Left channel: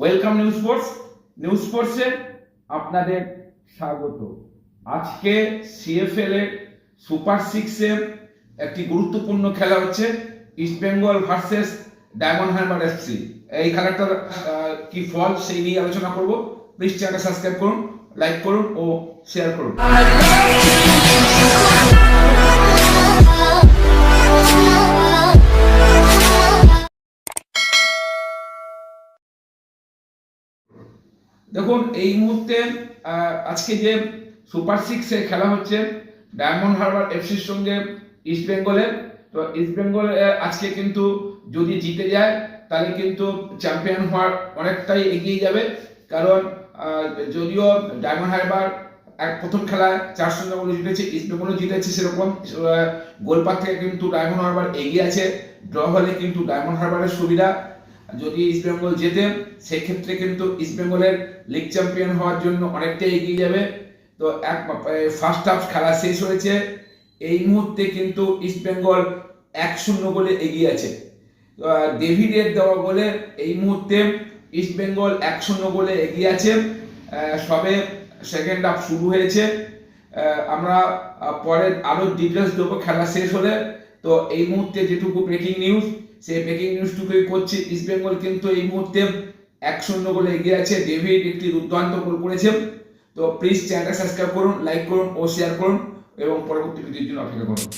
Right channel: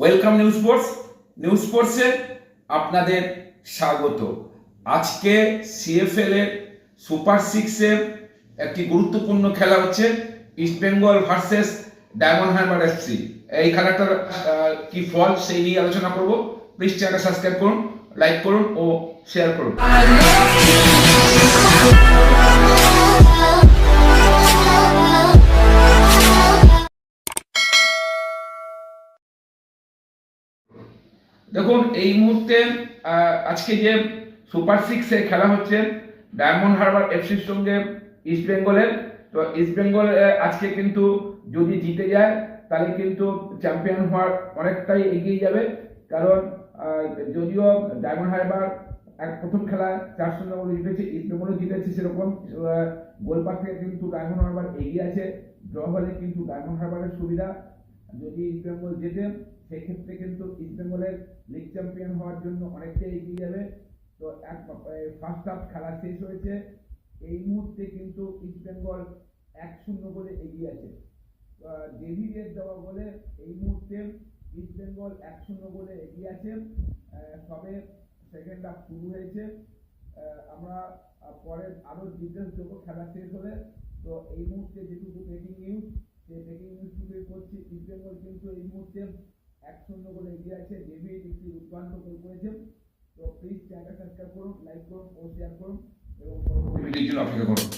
Welcome news স্পোর্টসে আপনাদের স্বাগত। আজকে সিএফএল এর সুপার সিক্সে একটি গুরুত্বপূর্ণ খেলা হচ্ছে east Bengal versus diamond Harbour FC. এই খেলাটার কি ফল সেই নিয়ে আলোচনা করব। প্লিজ চ্যানেলটা সাবস্ক্রাইব করুন, লাইক করুন ও শেয়ার করুন। দেখুন, এই মুহূর্তে আজকে যে সুপার সিক্সে খেলা হচ্ছে ডায়মন্ড হারবার এফসির সঙ্গে ইস্ট বেঙ্গলের, তো ইস্ট বেঙ্গল আজকে কিন্তু যদি জিতে যায় তাহলে কিন্তু চ্যাম্পিয়ন হওয়ার অনেকটাই এগিয়ে যাবে। কারণ যদিও ডায়মন্ড হারবার প্রথম খেলায় 4-0 গোলে জিতেছে, ইস্ট বেঙ্গলও জিতেছে, সেরকম গোলপার থেকে কিন্তু ডায়মন্ড হারবার এগিয়ে আছে। ড্র হলে কিন্তু ডায়মন্ড হারবারের সুবিধা। যদি ইস্ট বেঙ্গল জেতে সেক্ষেত্রে কিন্তু ইস্ট বেঙ্গলের লিগ চ্যাম্পিয়ন হওয়ার জন্য অনেকটাই এগিয়ে যাবে। তো ফার্স্ট হাফ খেলা শেষ হয়েছে, এই মুহূর্তে কিন্তু ইস্ট বেঙ্গল 1-0 গোলে এগিয়ে আছে। ডেভিডের দেওয়া গোলে এই মুহূর্তে ইস্ট বেঙ্গল 1-0 গোলে এগিয়ে আছে। সবে সেকেন্ড হাফ শুরু হয়েছে। আমরা পরে আরো ডিটেলস দেবো খেলা শেষ হলে। তো এই মুহূর্তে যেটুকু ব্রেকিং নিউজ, সেই ব্রেকিং নিউজটুকুই করছি। ইস্ট বেঙ্গল কিন্তু এই মুহূর্তে 1-0 গোলে এগিয়ে আছে। ডেভিড একটি দুর্দান্ত গোল করেছে। তো প্লিজ চ্যানেলটা সাবস্ক্রাইব করুন, লাইক করুন ও শেয়ার করুন এবং পরবর্তী ভিডিওর জন্য অপেক্ষা করুন।